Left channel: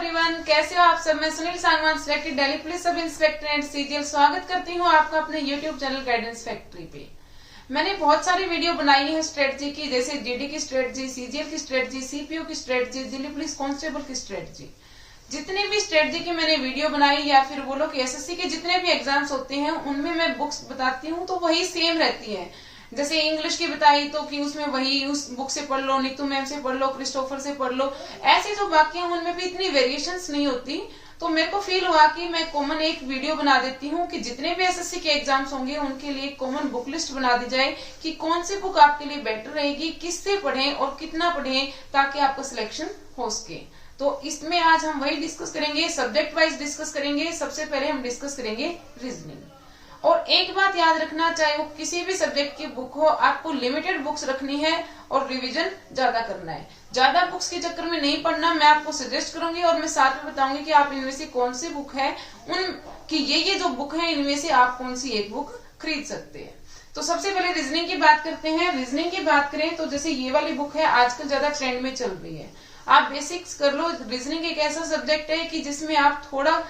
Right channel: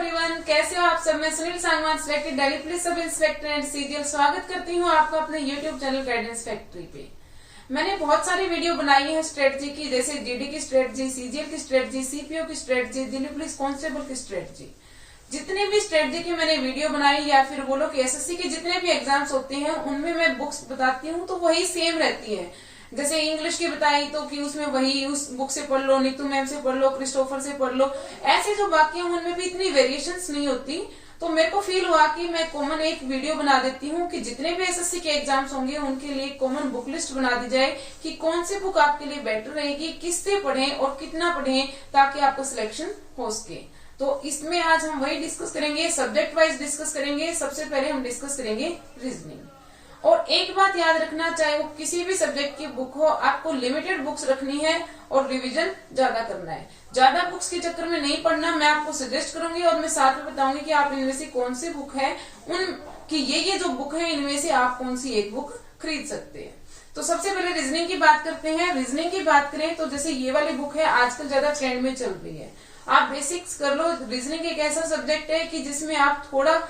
Everyone, कैसे हो आप सब। मैं Sunil Sangwan, selected Delhi police sub inspector and CGL, स्वागत करती हूँ आपका अपने यूट्यूब चैनल गाइडेंस फैक्ट्री पे। मैंने बहुत सारी वीडियो बनाई है स्ट्रेटजी की, जैसे जीडी की स्ट्रेटजी, सीजीएल की स्ट्रेटजी, सीपीओ की स्ट्रेटजी, दिल्ली पुलिस कांस्टेबल की स्ट्रेटजी। जितने भी स्ट्रेटजी की मैंने वीडियो बनाई या फिर बोलो कि एसएससी के जितने भी एग्जाम्स होते हैं उनमें मैं बुक्स बताती हूँ तो वही सेम रहती है। जैसे इंग्लिश की बताई तो कि उसमें वही उस बुक से पढ़ लो, नीतू मैम से पढ़ लो, क्रिस्टोफर से पढ़ लो, ऐसे जो बाकी हैं उनमें भी इतनी वेरिएशंस नहीं होती। तो मेरे को फील हुआ कि मैं कॉमन एक वीडियो बना देती हूँ कि जितने भी एसएससी के एग्जाम्स होंगे उनके लिए कॉमन बुक लिस्ट बना दी जाए कि कौन सी बुक आपके लिए बेटर रहेगी, किससे पढ़ें और कितना पढ़ें ताकि आपका सिलेक्शन हो सके। तो इसमें आज हम वही डिस्कस करेंगे, सब्जेक्ट वाइज डिस्कस करेंगे। सबसे पहले हम डिस्कस करेंगे रीजनिंग। और एक बात याद रखना, चाहे वो किसी भी सब्जेक्ट की बुक हो, आपको लिमिटेड बुक्स रखनी है और रिवीजन ज्यादा करना है। ज्यादा बुक्स के चक्कर में नहीं पढ़ना, मैं आपको सजेस्ट करूंगी और मैं साथ में बताऊंगी कि आप इनमें से कौन सी बुक है, उन कि ये जो बुक है इनमें से आप कौन सी एक बुक खरीद सकते हैं। तो सबसे पहले रीजनिंग की बात करते हैं। रीजनिंग की बात करें तो जैसे ये वाली बुक है, आजकल ज्यादा ट्रेंड में चल रही है। आप बेसिक्स कर लो। रीजनिंग एक ऐसा सब्जेक्ट है कि जिसमें आप थोड़ा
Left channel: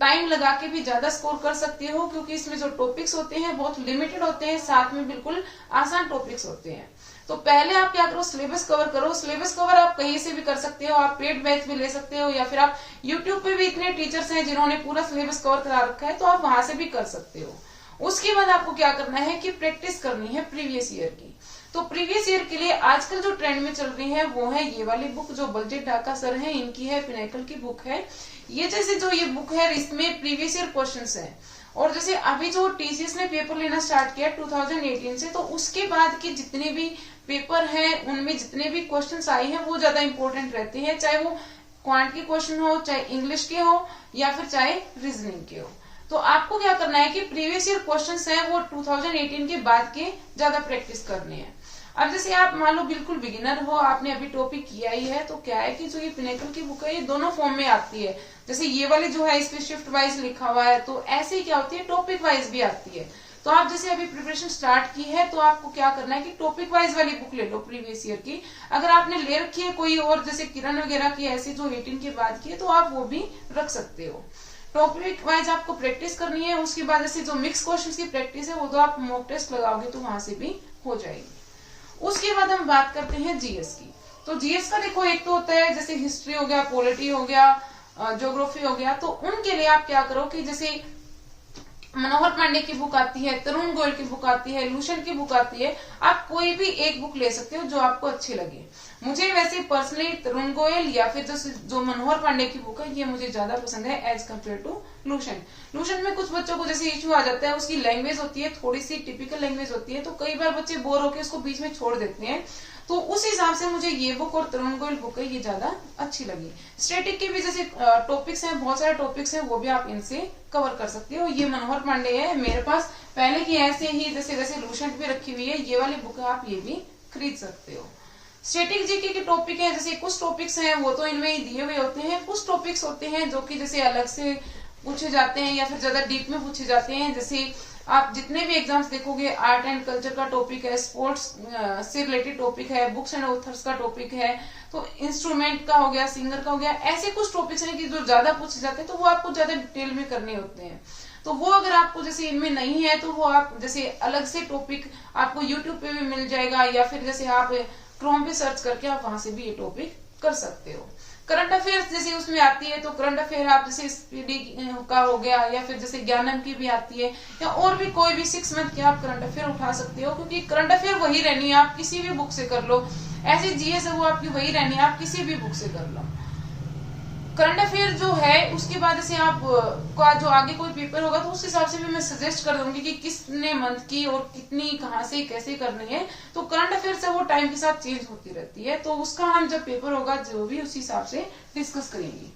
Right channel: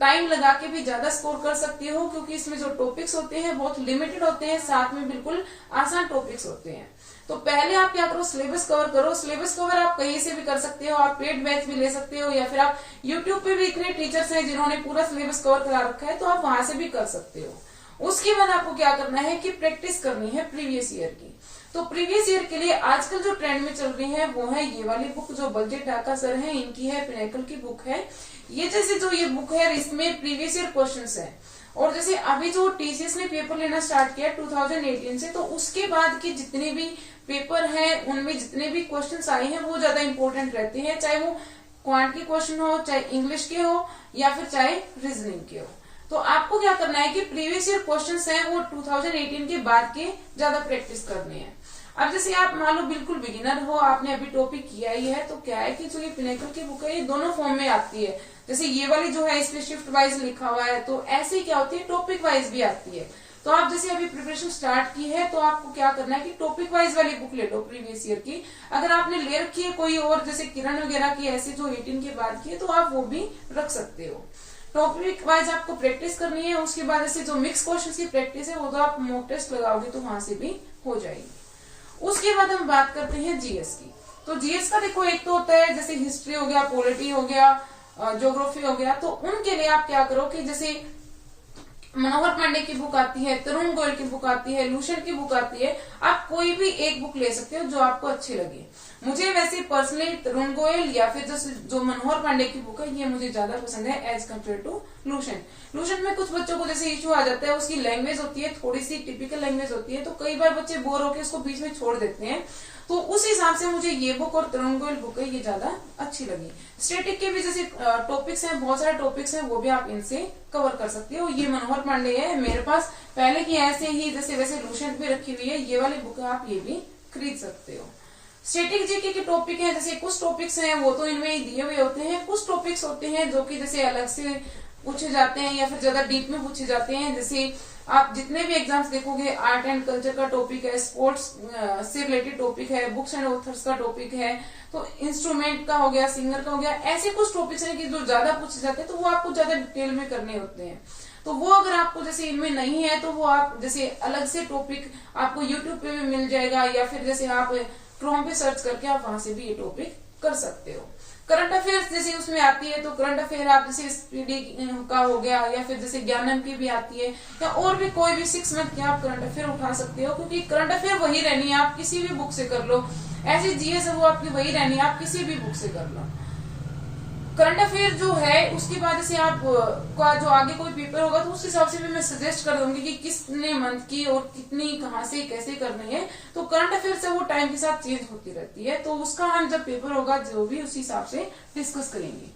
टाइम लगा के भी ज्यादा स्कोर कर सकते हो, क्योंकि इसमें जो टॉपिक्स होते हैं बहुत लिमिटेड होते हैं, साथ में बिल्कुल आसान टॉपिक्स होते हैं। तो पहले आप क्या करो, सिलेबस कवर करो। सिलेबस कवर आप कहीं से भी कर सकते हो, आप पेड बैच भी ले सकते हो या फिर आप यूट्यूब पे भी इतने टीचर्स हैं जिन्होंने पूरा सिलेबस कवर करा रखा है, तो आप वहां से भी कर सकते हो। उसके बाद आपको क्या करना है कि प्रैक्टिस करनी है प्रीवियस ईयर की। तो प्रीवियस ईयर के लिए आजकल जो ट्रेंड में चल रही है वो है ये वाली बुक, जो बलजीत ढाका सर है इनकी है, पिनेकल की बुक है ये। जैसे जो ये बुक है इसमें प्रीवियस ईयर क्वेश्चंस हैं, और जैसे अभी जो टीसीएस ने पेपर लेना स्टार्ट किया 2018 से, तो उसके बाद की जितने भी पेपर हैं उनमें जितने भी क्वेश्चंस आए हैं वो ज्यादा इंपॉर्टेंट रहते हैं, चाहे वो क्वांट के क्वेश्चन हो, चाहे इंग्लिश के हो या फिर चाहे रीजनिंग के हो। तो आपको क्या करना है कि प्रीवियस ईयर क्वेश्चंस हैं वो 2018 के बाद के ज्यादा प्रैक्टिस करने हैं। अब जैसे आप मान लो बिल्कुल बिगिनर हो, आपने अभी टॉपिक किया ही है, तो क्या है कि जो ये पिनेकल की बुक है ये दोनों फॉर्म में आती है। जैसे ये वाली जो है इसमें शिफ्ट वाइज लिखा हुआ है, तो ऐसे ही क्या होती है टॉपिक वाइज भी आती है। तो आप जैसे अभी प्रिपरेशन स्टार्ट की है तो आपको क्या करना है कि टॉपिक वाइज वाली बुक ले लो प्रीवियस ईयर की। अगर आपने ले रखी है कोई और जैसे किरण वगैरह की ऐसी जो 18 के बाद की है तो आप वो भी रख सकते हो। टॉपिक वाइज आपको प्रैक्टिस करनी है। उसके बाद जैसे जो मिक्स क्वेश्चन की प्रैक्टिस है वो तो आप मॉक टेस्ट लगाओगे तो वहां से भी हो जाएगी। उसके बाद हम बात करते हैं जीएस की। तो जीएस का देखो, एक तो होता है जैसे हिस्ट्री हो गया, पॉलिटी हो गया, ज्योग्राफी हो गया। तो उनके लिए आप क्या करो कि जैसे मनोहर पांडे की बुक आती है, तरुण गोयल की बुक आती है, लूशन की बुक आती है, आप कोई भी एक बुक ले सकते हो जो आपको अच्छी लगे। मुझे वैसे पर्सनली तरुण गोयल या फिर जो मनोहर पांडे की बुक है ये मुझे ज्यादा पसंद है एज कम्पेयर टू लूशन। लूशन में कुछ बच्चों को जैसे इश्यू आ जाता है, उसकी लैंग्वेज होती है थोड़ी सी टिपिकल लैंग्वेज होती है, तो कई बार बच्चे बोर होकर उसको बीच में छोड़ देते हैं। तो उस हिसाब से मुझे ये बुक और तरुण गोयल बुक है ये ज्यादा अच्छी लगी। स्टैटिक के भी जैसे टॉपिक्स हैं, बहुत सारे टॉपिक्स हैं, वो भी आप इनसे कवर कर सकते हो। ये मनोहर पांडे है मेरे पास पहले की, ऐसे ही जैसे वैसे लूशन भी रखी हुई है, ये वाली बुक है आप ये भी खरीद सकते हो। स्टैटिक जीके के टॉपिक हैं, जैसे कुछ टॉपिक्स हैं वो तो इनमें दिए हुए होते हैं, कुछ टॉपिक्स होते हैं जो कि जैसे अलग से पूछे जाते हैं या फिर ज्यादा डीप में पूछे जाते हैं। जैसे आप जितने भी एग्जाम्स देखोगे, आर्ट एंड कल्चर का टॉपिक है, स्पोर्ट्स से रिलेटेड टॉपिक है, बुक्स एंड ऑथर्स का टॉपिक है, तो इंस्ट्रूमेंट का हो गया, सिंगर का हो गया, ऐसे कुछ टॉपिक्स हैं कि जो ज्यादा पूछे जाते हैं तो वो आपको ज्यादा डिटेल में करने होते हैं। तो वो अगर आपको जैसे इनमें नहीं है तो वो आप जैसे अलग से टॉपिक आपको यूट्यूब पे भी मिल जाएगा या फिर जैसे आप क्रोम पे सर्च करके आप वहां से भी ये टॉपिक कर सकते हो। करंट अफेयर्स जैसे उसमें आती है, तो करंट अफेयर आप जैसे स्पीडी का हो गया या फिर जैसे ज्ञानम की भी आती है, या और भी कोई भी 6 मंथ की आप करंट अफेयर उठा सकते हो, क्योंकि करंट अफेयर वही रहनी है, आप किसी भी बुक से कर लो। ऐसी जीएस है वो आपकी वही रहनी है, आप किसी भी बुक से कर लो। करंट अफेयर जो है उसके बाद जैसे आप का जो आगे कोई पेपर होगा तो उस हिसाब से भी मैं सजेस्ट कर दूंगी कि किसने मंथ की और कितनी कहाँ से कैसे करनी है। तो करंट अफेयर से वो टाइम के साथ चेंज होती रहती है, तो उसका हम जब पेपर होगा जो भी उसी हिसाब से डिस्कस करेंगे।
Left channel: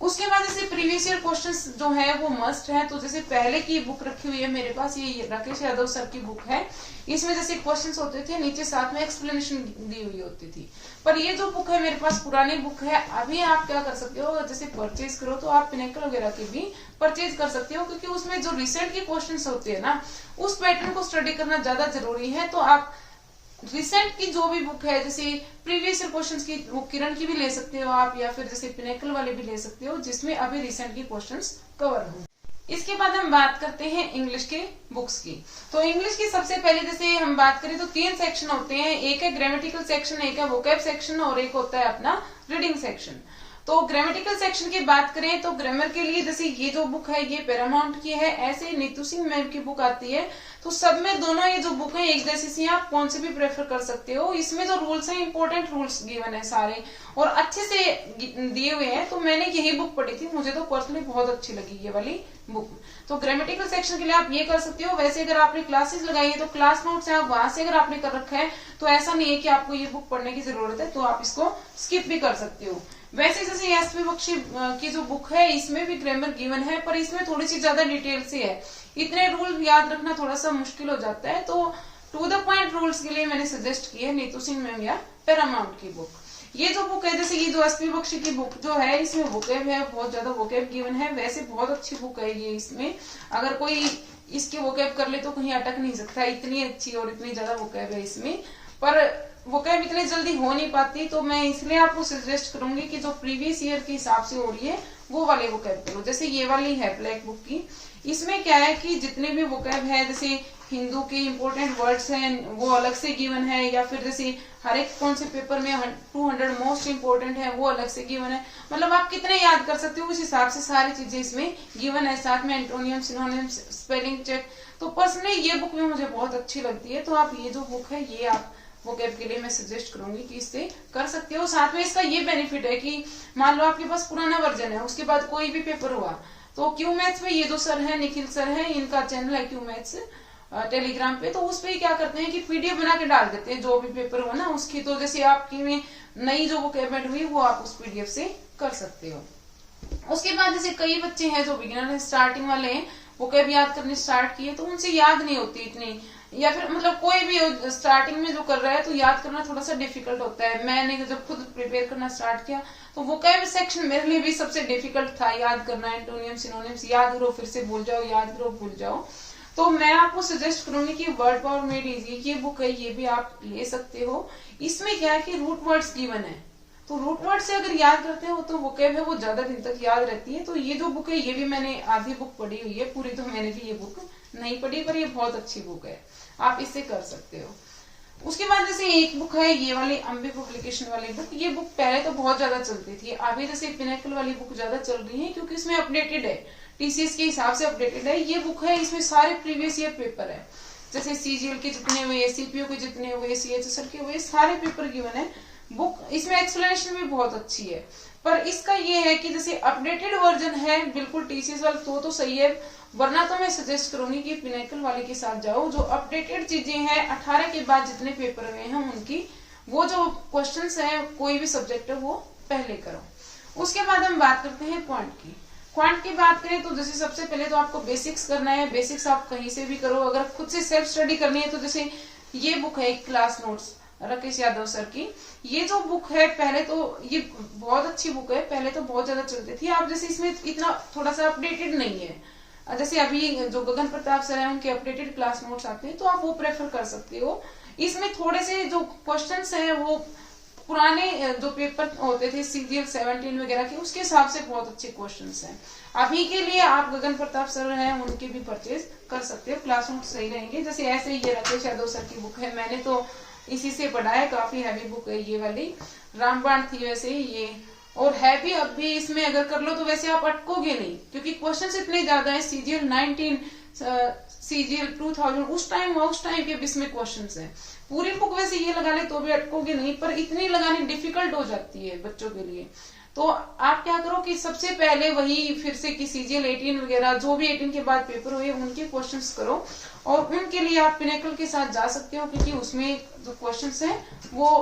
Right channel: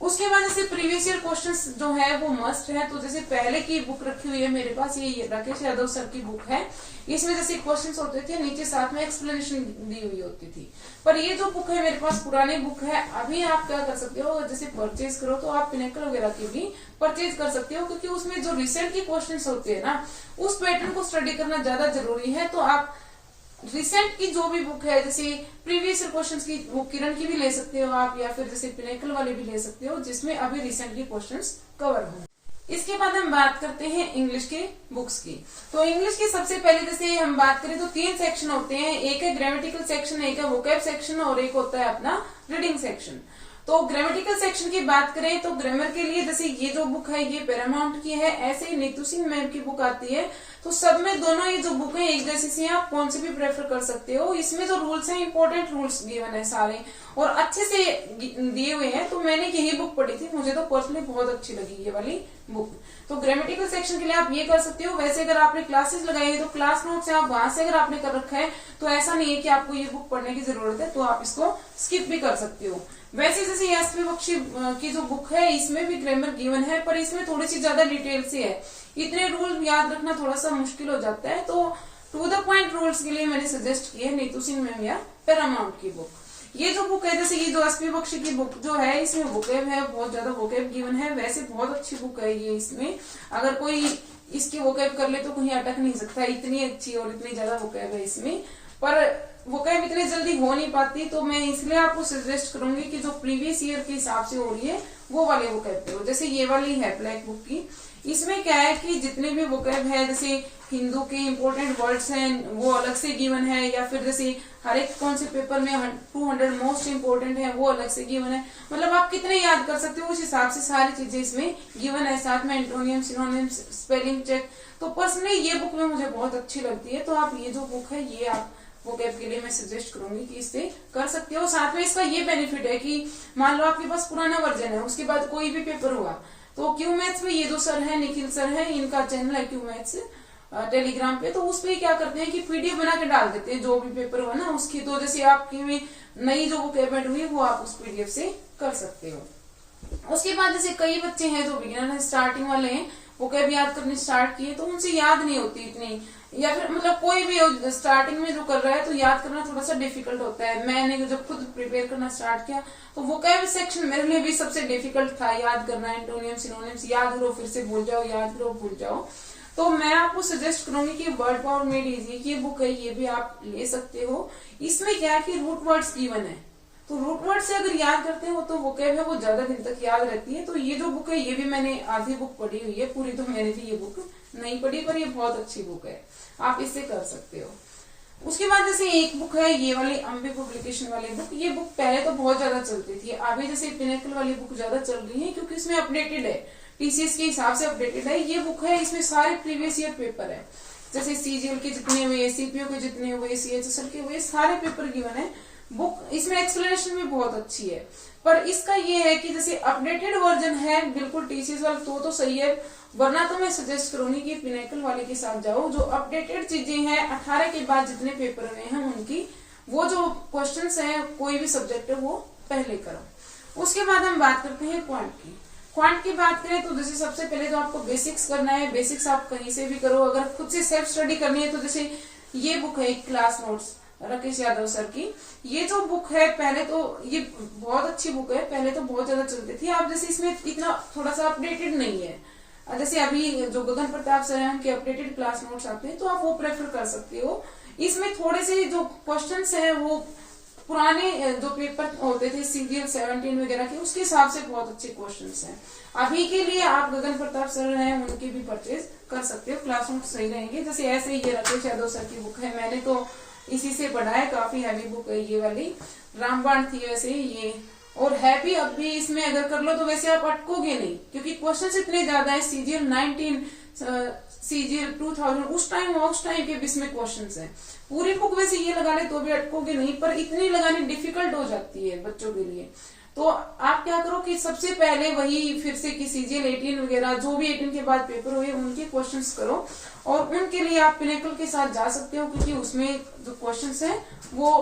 उसके बाद जैसे प्रीवियस ईयर क्वेश्चंस जो है वो मस्ट है। तो जैसे पहले की बुक रखी हुई है मेरे पास, ये राकेश यादव सर की बुक है, इसमें जैसे क्वेश्चंस होते थे, नीचे साथ में एक्सप्लेनेशन दी हुई होती थी। पर ये जो बुक है मेरे पास पुरानी बुक है, अभी आप क्या कर सकते हो, जैसे परचेज करो तो आप पिनेकल वगैरह की भी परचेज कर सकते हो, क्योंकि उसमें जो रिसेंट के क्वेश्चन होते हैं ना, उस पैटर्न को स्टडी करना ज्यादा जरूरी है। तो आप रिसेंट की जो भी बुक है, जैसे प्रीवियस क्वेश्चंस की बुक किरण की भी ले सकते हो आप, या फिर जैसे पिनेकल वाले भी ले सकते हो जिसमें अभी रिसेंट की क्वेश्चंस कवर हो। इसके बाद हम बात करते हैं इंग्लिश के बुक्स की। तो इंग्लिश की सबसे पहले जैसे हम बात करें तो 3 सेक्शन होते हैं, एक है ग्रामेटिकल सेक्शन, एक है वोकैब सेक्शन और एक होता है अपना रीडिंग सेक्शन। तो ग्रामेटिकल सेक्शन की बात करें तो ग्रामर के लिए जैसे ये जो बुक है ये पैरामाउंट की है, ऐसे ही नीतू सिंह मैम की बुक आती है। तो सब में दोनों ये जो बुक है एक जैसी सी, आप कौन से भी प्रेफर कर सकते हो। इसमें जो रूल्स है इंपॉर्टेंट रूल्स गिवन है सारे और अच्छे से दिए हुए हैं। तो मैंने यही बुक पढ़ी थी, मुझे तो पर्सनली बहुत अच्छी लगी ये वाली बुक। तो ग्रामेटिकल सेक्शन के लिए आप ये कर सकते हो। वैसे अगर आपने क्लासेस लगाई है तो क्लास नोट्स है, आप वहां से अगर आपने कर रखा है तो ऐसा नहीं है कि आपको ये बुक पढ़ने की जरूरत है, तो आप इसको स्किप भी कर सकते हो। वैसे जैसे एसपी बख्शी की जो बुक है इसमें भी ग्रामर गिवन है, पर इसमें थोड़ी सी ज्यादा डिटेल से है, इतने रूल याद रखना थोड़ा सा मुश्किल हो जाता है। तो टू द पॉइंट रूल्स के लिए मैंने सजेस्ट किया है नीतू सिंह मैम या पैरामाउंट की बुक। ये जो बुक है जैसे ये जो एसपी बख्शी की बुक जो है इसमें वोकैब है, बहुत ज्यादा वोकैब गिवन है। वैसे बहुत अच्छी बुक है ये, इसमें अगर कोई इसकी वोकैब कर ले तो कहीं अटक नहीं सकता, इतनी अच्छी और इतनी ज्यादा वोकैब है इसमें। पर वोकैब इतनी जल्दी हो नहीं पाती, तो मैं इसलिए आपको सजेस्ट करूंगी कि जो प्रीवियस ईयर के हिसाब से हो रही है वो वाले वोकैब करो। जैसे ये वाली है ब्लैक बुक की, इसमें क्या है कि जितने भी वोकैब है जैसे हिंदू के इंपोर्टेंट वर्ड्स हैं वो अलग से गिवन है, या फिर जैसे हर एक कौन से पेपर में 200 मोस्ट इंपोर्टेंट है वो अलग से गिवन है। मतलब आप कितने याद कर सकते हो उस हिसाब से सारी चीजें इसमें गिवन है, साथ में एंटोनियम, सिनोनिम, स्पेलिंग चेक। तो पर्सनली ये बुक में मुझे बहुत अच्छी लगती है। तो आप ये जो बुक है ये आप वोकैब के लिए मैं सजेस्ट करूंगी कि इससे कर सकते हो। साथ में इसका ये बेनिफिट है कि मान लो आपके पास पुराना वर्जन है, उसके बाद कोई भी पेपर हुआ तो क्यू मैथ्स में ये जो सर है निखिल सर है, इनका चैनल है क्यू मैथ्स टेलीग्राम पे, तो उस पे क्या करते हैं कि पीडीएफ बना के डाल देते हैं जो भी पेपर हुआ ना उसकी। तो जैसे आपकी नई जो वोकैब ऐड हुई वो आप उस पीडीएफ से कर सकते हो। उसके बाद जैसे कई बच्चे हैं जो बिगिनर स्टार्टिंग वाले हैं, वोकैब याद करनी स्टार्ट किए तो उनसे याद नहीं होती इतनी, या फिर मतलब कोई भी स्टार्टिंग में जो कर रहा है तो याद करना थोड़ा सा डिफिकल्ट होता है। मैंने जब खुद प्रिपेयर करना स्टार्ट किया तो वोकैब सेक्शन मेरे लिए भी सबसे डिफिकल्ट था याद करना। एंटोनियम, सिनोनिम्स याद करो फिर से भूल जाओ, याद करो भूल जाओ। तो मैं आपको सजेस्ट करूंगी कि वर्ड पावर में लीजिए, ये बुक है ये भी आप ले सकते हो। इसमें क्या है कि रूट वर्ड्स गिवन है, तो रूट वर्ड से अगर याद करते हो तो वोकैब है वो ज्यादा दिन तक याद रहती है। तो ये जो बुक है ये भी मैंने आधी बुक पढ़ी हुई है, पूरी तो मैंने भी ये बुक नहीं पढ़ी, पर ये बहुत अच्छी बुक है, आप इससे कर सकते हो। उसके बाद जैसे एक बुक है ये वाली अम्बे पब्लिकेशन वाली बुक, ये बुक पहले तो बहुत ज्यादा चलती थी, अभी जैसे पिनेकल वाली बुक ज्यादा चल रही है क्योंकि इसमें अपडेटेड है, टीसीएस के हिसाब से अपडेटेड है। ये बुक है इसमें सारे प्रीवियस ईयर पेपर है, जैसे सीजीएल के जितने हुए, सीपीओ के जितने हुए, सीएचएसएल के हुए, सारे पेपर गिवन है। बुक इसमें एक्सप्लेनेशन भी बहुत अच्छी है, पर इसका ये है कि जैसे अपडेटेड वर्जन है बिल्कुल टीसीएस वाला तो सही है, वरना तो मैं सजेस्ट करूंगी कि पिनेकल वाले के साथ जाओ। जो अपडेटेड चीजें हैं 18 के बाद जितने पेपर हुए हैं उनकी वो जो क्वेश्चंस हैं कोई भी सब्जेक्ट है वो पहले करो। उसके बाद हम बात करते हैं क्वांट की। क्वांट की बात करें तो जैसे सबसे पहले तो आपको बेसिक्स करना है, बेसिक्स आप कहीं से भी करो। अगर खुद से सेल्फ स्टडी करनी है तो जैसे ये बुक है class notes Rakesh Yadav sir की, ये जो बुक है पहले तो ये बहुत अच्छी बुक है, पहले तो बहुत ज्यादा चलती थी। आप जैसे इसमें इतना थोड़ा सा अपडेटेड नहीं है, जैसे अभी जो गगन प्रताप सर है उनके अपडेटेड क्लास नोट्स आते हैं तो आप वो प्रेफर कर सकते हो। इसमें थोड़े से जो क्वेश्चंस हैं वो पुराने जो पेपर होते थे सीजीएल 17 वगैरह के उसके हिसाब से बहुत अच्छे क्वेश्चंस हैं। अभी के लिए आप गगन प्रताप सर हैं उनके भी परचेज कर सकते हो, क्लास नोट सही रहेंगे। जैसे ऐसे ये राकेश यादव सर की बुक है, मैंने तो इसी से पढ़ा है, काफी हैवी बुक है ये वाली, रामबाण थी वैसे ये, और है भी। अब भी इसमें अगर कर लो तो वैसे आप अटकोगे नहीं क्योंकि क्वेश्चंस इतने ज्यादा है। सीजीएल 19, सीजीएल 2000 उस टाइम के इसमें क्वेश्चंस हैं। पूरी बुक वैसे ये लगा ले तो भी अटकोगे नहीं, पर इतनी लगानी डिफिकल्ट हो जाती है बच्चों के लिए। तो आप क्या करो कि सबसे पहले वही फिर से कि सीजीएल 18 वगैरह जो भी 18 के बाद पेपर हुए उनके क्वेश्चंस करो, और उनके लिए आप पिनेकल के साथ जा सकते हो क्योंकि उसमें जो क्वेश्चंस हैं वो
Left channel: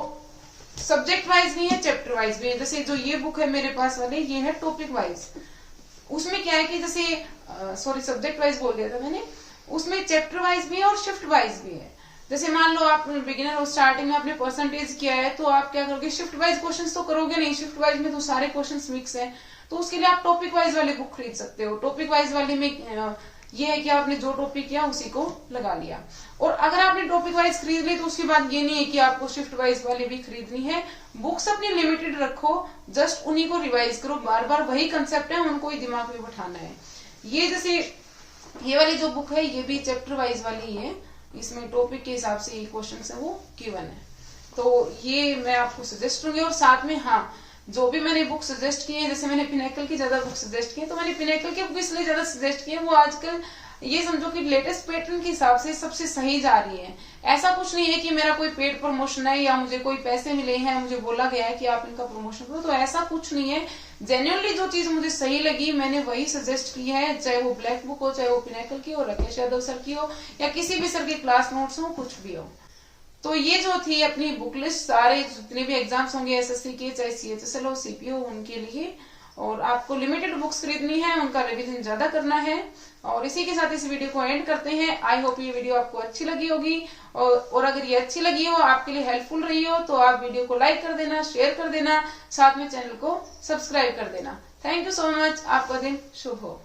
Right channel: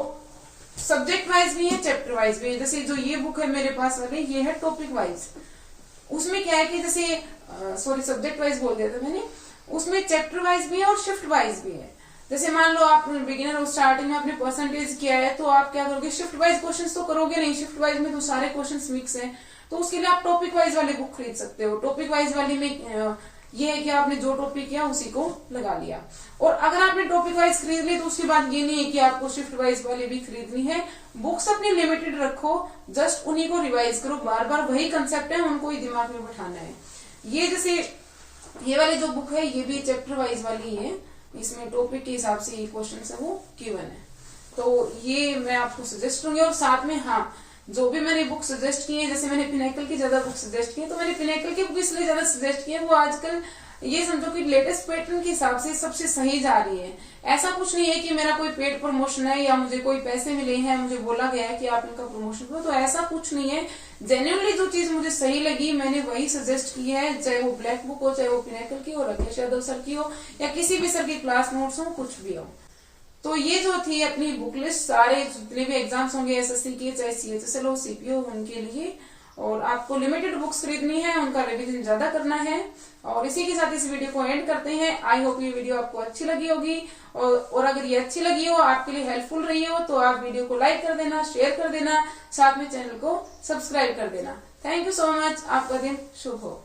सब्जेक्ट वाइज भी है, चैप्टर वाइज भी है। जैसे जो ये बुक है मेरे पास वाले ये है टॉपिक वाइज, उसमें क्या है कि जैसे सब्जेक्ट वाइज बोल दिया था मैंने, उसमें चैप्टर वाइज भी है और शिफ्ट वाइज भी है। जैसे मान लो आप बिगिनर और स्टार्टिंग में आपने परसेंटेज किया है तो आप क्या करोगे, शिफ्ट वाइज क्वेश्चंस तो करोगे नहीं, शिफ्ट वाइज में तो सारे क्वेश्चंस मिक्स हैं, तो उसके लिए आप टॉपिक वाइज वाली बुक खरीद सकते हो। टॉपिक वाइज वाली में ये है कि आपने जो टॉपिक किया उसी को लगा लिया। और अगर आपने टॉपिक वाइज खरीद ली तो उसकी बात ये नहीं है कि आपको शिफ्ट वाइज वाली भी खरीदनी है। बुक्स अपनी लिमिटेड रखो, जस्ट उन्हीं को रिवाइज करो, बार बार वही कंसेप्ट है उनको ही दिमाग में बैठाना है। ये जैसे ये वाली जो बुक है ये भी चैप्टर वाइज वाली है, इसमें टॉपिक के हिसाब से ये क्वेश्चन है वो गिवन है, तो ये मैं आपको सजेस्ट करूंगी। और साथ में हाँ, जो भी मैंने बुक सजेस्ट की है, जैसे मैंने पिनेकल की ज्यादा बुक सजेस्ट की है, तो मैंने पिनेकल की बुक इसलिए ज्यादा सजेस्ट की है, वो आजकल ये समझो कि लेटेस्ट पैटर्न के हिसाब से सबसे सही जा रही है। ऐसा कुछ नहीं है कि मेरा कोई पेड प्रमोशन है या मुझे कोई पैसे मिले हैं, मुझे बोला गया है कि आप इनका प्रमोशन करो, तो ऐसा कुछ नहीं है। जेन्युइनली जो चीज मुझे सही लगी मैंने वही सजेस्ट की है, चाहे वो ब्लैक बुक हो, चाहे वो पिनेकल की हो, राकेश यादव सर की हो, या किसी भी सर की क्लास नोट्स हो, कुछ भी हो। तो ये जो थी अपनी बुक लिस्ट, सारे जितने भी एग्जाम्स होंगे एसएससी के, चाहे सीएचएसएल हो, सीपीओ, उनके लिए। और आपको लिमिटेड बुक्स खरीदनी है, उनका रिवीजन ज्यादा करना है। और इसी के साथ इस वीडियो को एंड करते हैं। आई होप ये वीडियो आपको अच्छी लगी होगी, और अगर ये अच्छी लगी हो, आपके लिए हेल्पफुल रही हो, तो आप वीडियो को लाइक कर देना, शेयर कर देना, साथ में चैनल को सब्सक्राइब कर देना। Thank you so much. आपका दिन शुभ हो।